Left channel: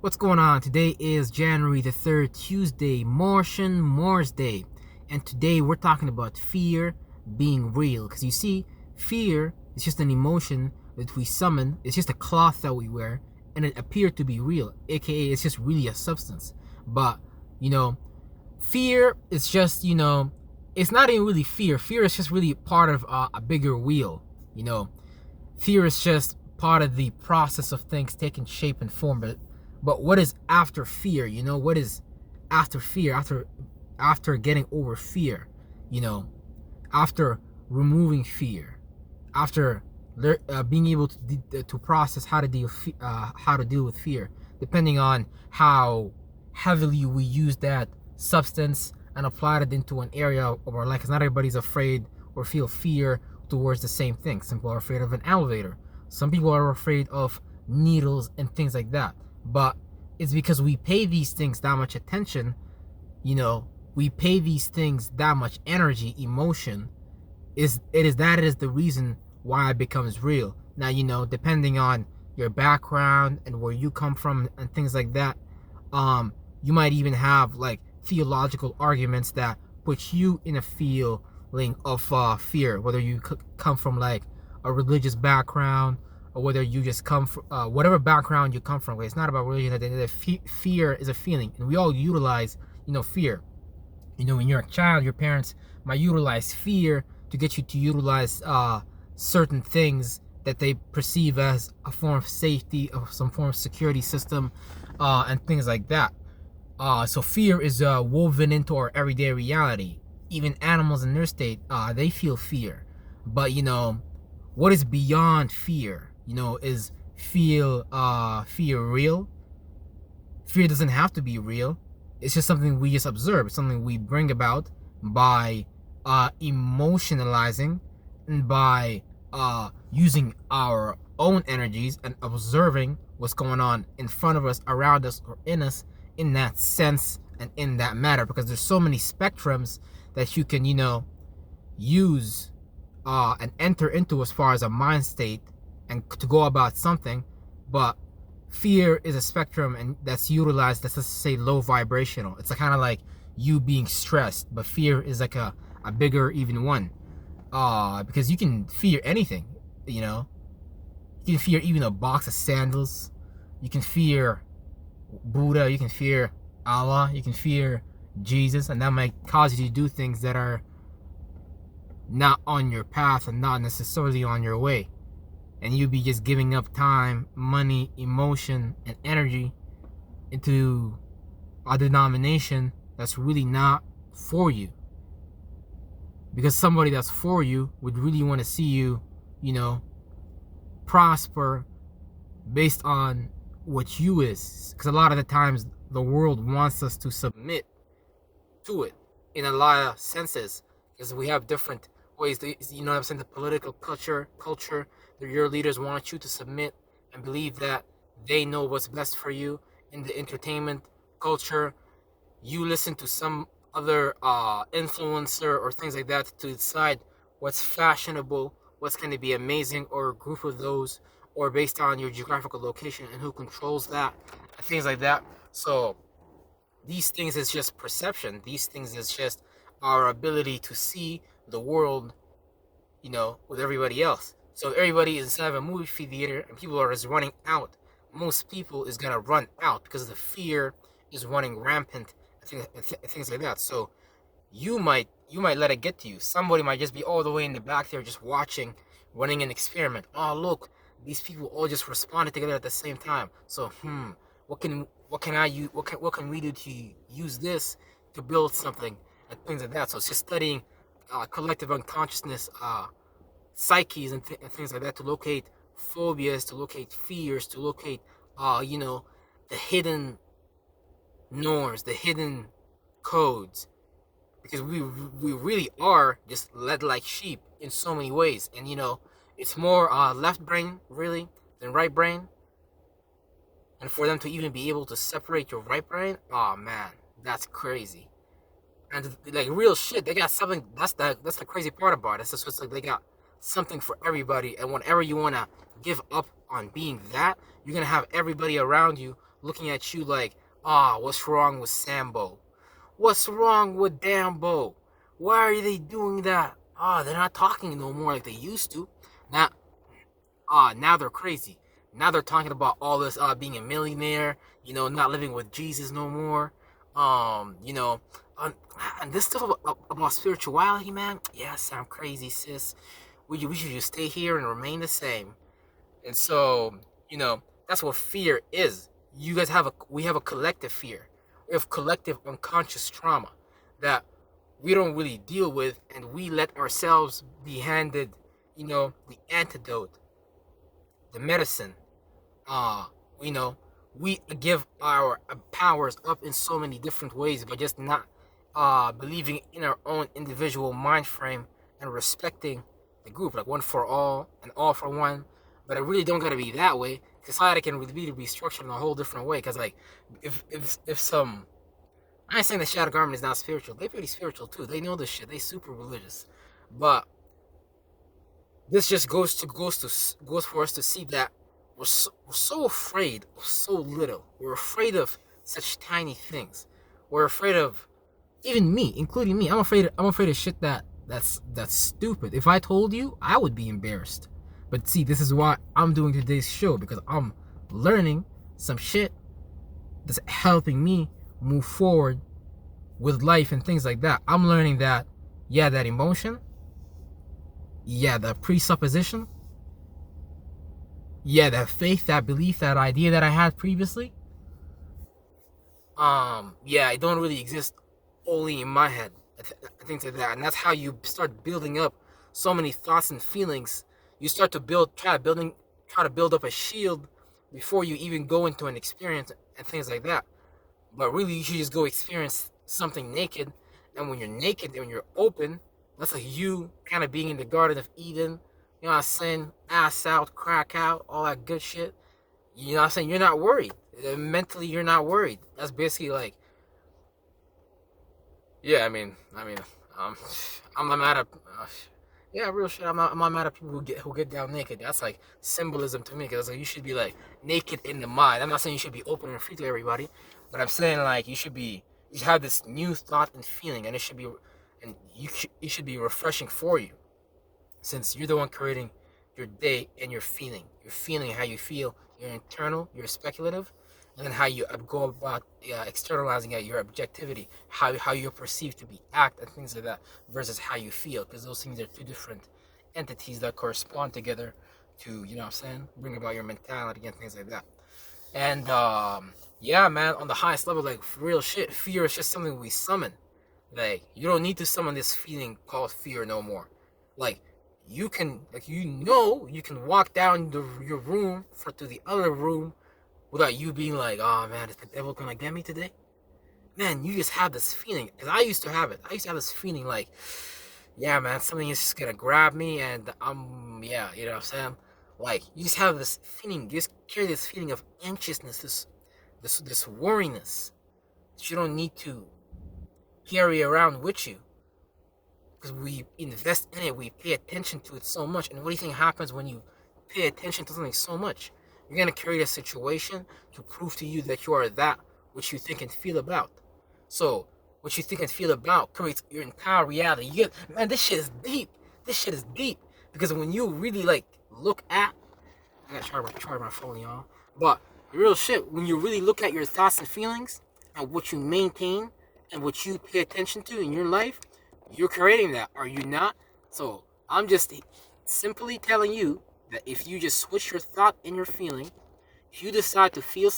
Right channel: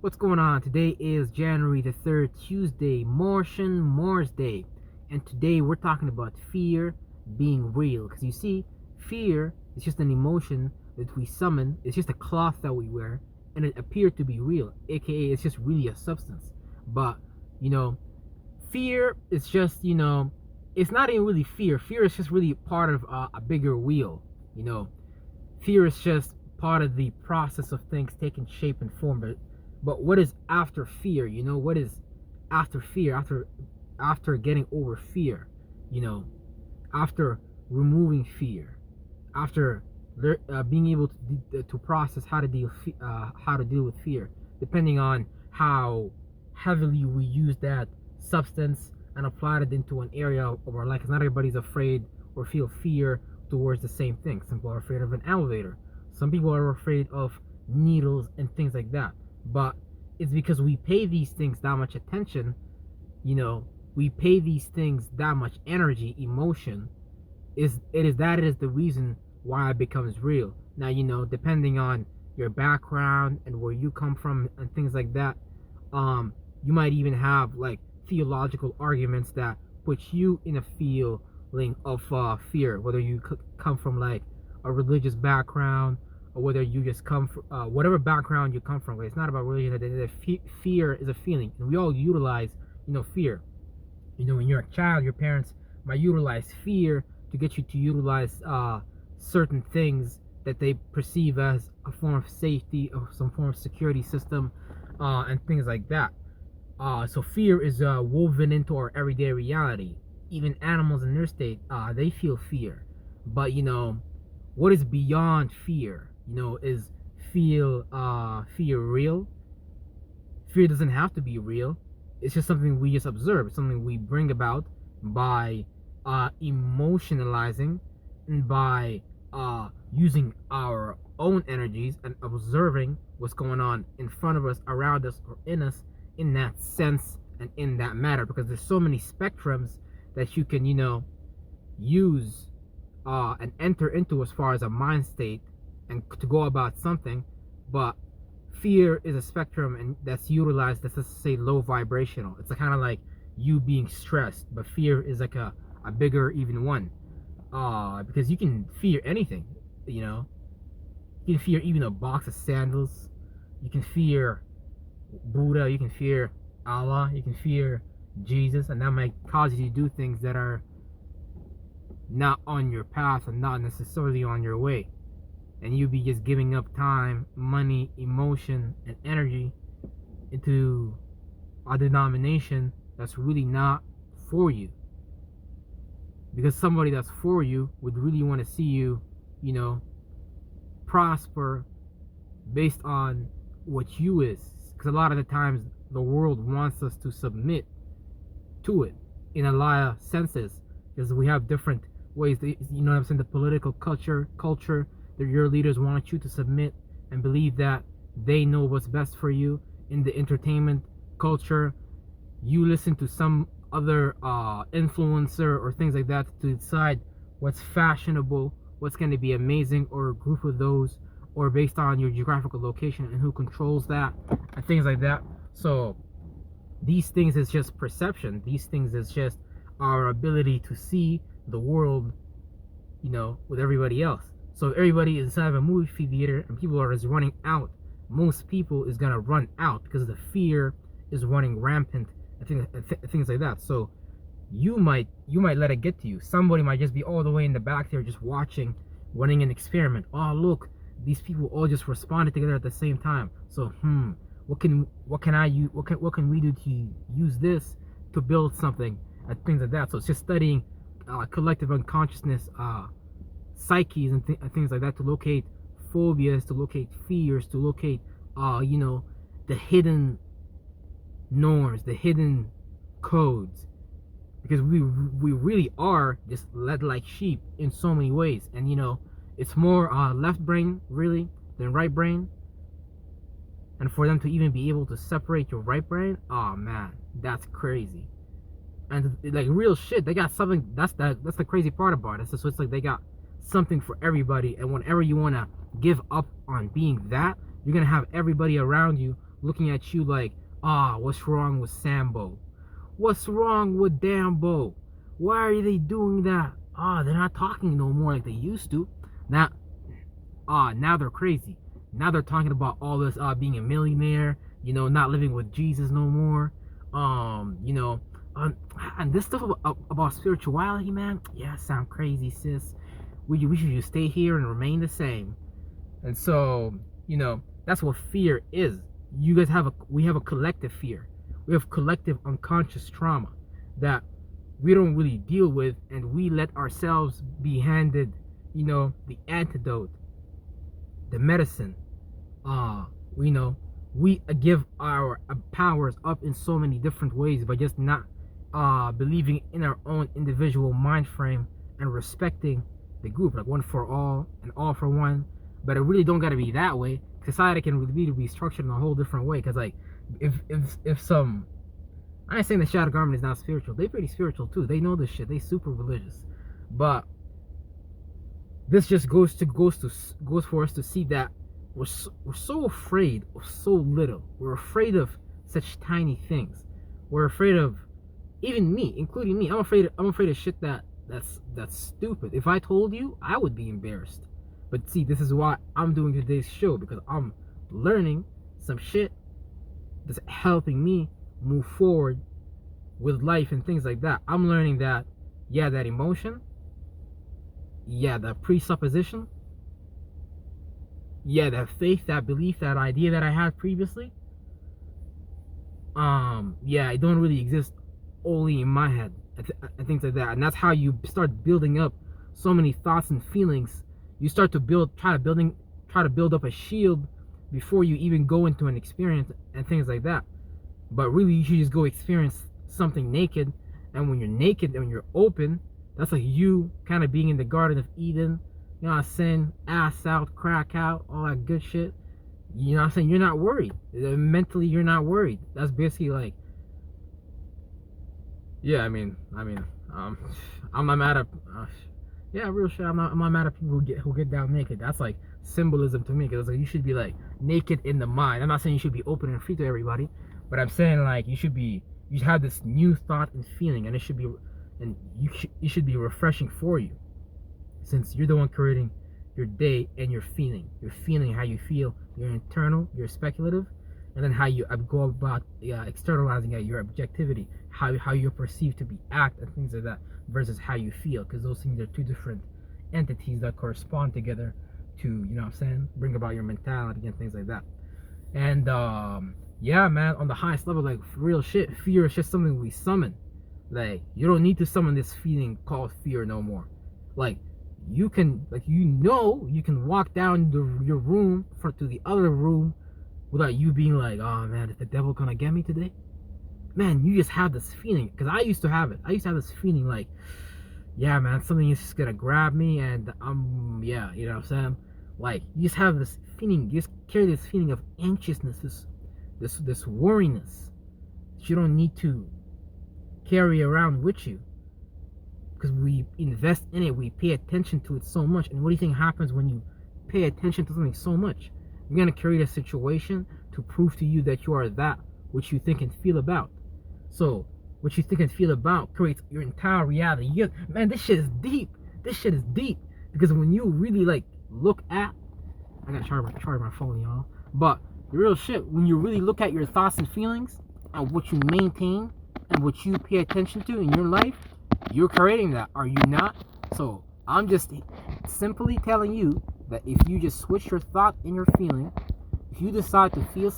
What's going on? Today is January the 3rd, Tuesday, Martian Mars Day. And today we're talking about fear being real. Because you see, fear is just an emotion that we summon. It's just a cloth that we wear. And it appeared to be real. AKA, it's just really a substance. But, fear is just, it's not even really fear. Fear is just really part of a bigger wheel. Fear is just part of the process of things taking shape and form. But what is after fear? What is after fear? After getting over fear, after removing fear, after being able to process how to deal with fear, depending on how heavily we use that substance and apply it into an area of our life. Because not everybody's afraid or feel fear towards the same thing. Some people are afraid of an elevator. Some people are afraid of needles and things like that. But it's because we pay these things that much attention, we pay these things that much energy, emotion, it is the reason why it becomes real. Now, depending on your background and where you come from and things like that, you might even have like theological arguments that put you in a feeling of fear, whether you come from like a religious background, or whether you just come from whatever background you come from. It's not about religion. Fear is a feeling, and we all utilize fear. When you're a child, your parents might utilize fear to get you to utilize certain things that they perceive as a form of safety, or some form of security system, and things like that. So fear is woven into our everyday reality. Even animals in their state, they feel fear. But what is beyond fear? Is fear real? Fear doesn't have to be real. It's just something we just observe. It's something we bring about by emotionalizing and by using our own energies and observing what's going on in front of us, around us, or in us, in that sense and in that matter. Because there's so many spectrums that you can use and enter into as far as a mind state and to go about something. But fear is a spectrum, and that's utilized, let's just say, low vibrational. It's kind of like you being stressed, but fear is like a bigger even one, because you can fear anything. You can fear even a box of sandals. You can fear Buddha, you can fear Allah, you can fear Jesus, and that might cause you to do things that are not on your path and not necessarily on your way. And you'll be just giving up time, money, emotion, and energy into a denomination that's really not for you. Because somebody that's for you would really want to see you, prosper based on what you is. Because a lot of the times the world wants us to submit to it in a lot of senses. Because we have different ways, the political culture, your leaders want you to submit and believe that they know what's best for you. In the entertainment culture, you listen to some other influencer or things like that to decide what's fashionable, what's going to be amazing, or a group of those, or based on your geographical location and who controls that, and things like that. So these things is just perception. These things is just our ability to see the world, with everybody else. So if everybody is inside of a movie theater and people are just running out, most people is gonna run out because the fear is running rampant. Things like that. So you might let it get to you. Somebody might just be all the way in the back there just watching, running an experiment. Oh look, these people all just responded together at the same time. So what can we do to use this to build something, and things like that. So it's just studying collective unconsciousness, psyches, and things like that, to locate phobias, to locate fears, to locate the hidden norms, the hidden codes. Because we really are just led like sheep in so many ways. And it's more left brain really than right brain. And for them to even be able to separate your right brain, oh man, that's crazy. And like real shit, they got something. That's the crazy part about it. So it's like they got something for everybody. And whenever you want to give up on being that, you're going to have everybody around you looking at you like, what's wrong with Sambo? What's wrong with Dambo? Why are they doing that? They're not talking no more like they used to. Now, now they're crazy. Now they're talking about all this being a millionaire, not living with Jesus no more. And this stuff about spirituality, man, yeah, sound crazy, sis. We should just stay here and remain the same. And so, that's what fear is. You guys we have a collective fear. We have collective unconscious trauma that we don't really deal with, and we let ourselves be handed, the antidote, the medicine. We give our powers up in so many different ways by just not believing in our own individual mind frame and respecting the group, like one for all and all for one. But it really don't gotta be that way. Society can really be structured in a whole different way. Cause like if some, I ain't saying the shadow garment is not spiritual. They're pretty spiritual too. They know this shit. They super religious. But this just goes for us to see that we're so afraid of so little. We're afraid of such tiny things. We're afraid of, even me, including me. I'm afraid of shit that's stupid. If I told you, I would be embarrassed. But see, this is why I'm doing today's show, because I'm learning some shit that's helping me move forward with life and things like that. I'm learning that, yeah, that emotion, yeah, the presupposition, yeah, that faith, that belief, that idea that I had previously, yeah, it don't really exist only in my head and things like that. And that's how you start building up so many thoughts and feelings. You start to try to build up a shield before you even go into an experience and things like that. But really, you should just go experience something naked. And when you're naked and when you're open, that's like you kind of being in the Garden of Eden. You know what I'm saying? Ass out, crack out, all that good shit. You know what I'm saying? You're not worried. Mentally, you're not worried. That's basically like, yeah, I'm not mad at, yeah, real shit. I'm not mad at people who get down naked. That's like symbolism to me, because like you should be like naked in the mind. I'm not saying you should be open and free to everybody, but I'm saying like you should have this new thought and feeling, and it should be refreshing for you, since you're the one creating your day and your feeling how you feel, your internal, your speculative, and then how you go about externalizing your objectivity, how you're perceived to be act and things like that, versus how you feel, because those things are two different entities that correspond together to, you know what I'm saying, bring about your mentality and things like that. And yeah, man, on the highest level, like real shit, fear is just something we summon. Like, you don't need to summon this feeling called fear no more. Like, you can walk down your room to the other room without you being like, oh man, is the devil gonna get me today? Man, you just have this feeling, because I used to have it. I used to have this feeling like, yeah, man, something is just gonna grab me, and yeah, you know what I'm saying? Like, you just have this feeling, you just carry this feeling of anxiousness, this worriness that you don't need to carry around with you, because we invest in it, we pay attention to it so much. And what do you think happens when you pay attention to something so much? You're going to create a situation to prove to you that you are that which you think and feel about. So what you think and feel about creates your entire reality. Man, this shit is deep. Because when you really like look at, I gotta charge my phone, y'all. But real shit, when you really look at your thoughts and feelings and what you maintain and what you pay attention to in your life, you're creating that, are you not? So I'm just simply telling you that if you just switch your thought and your feeling, if you decide to feel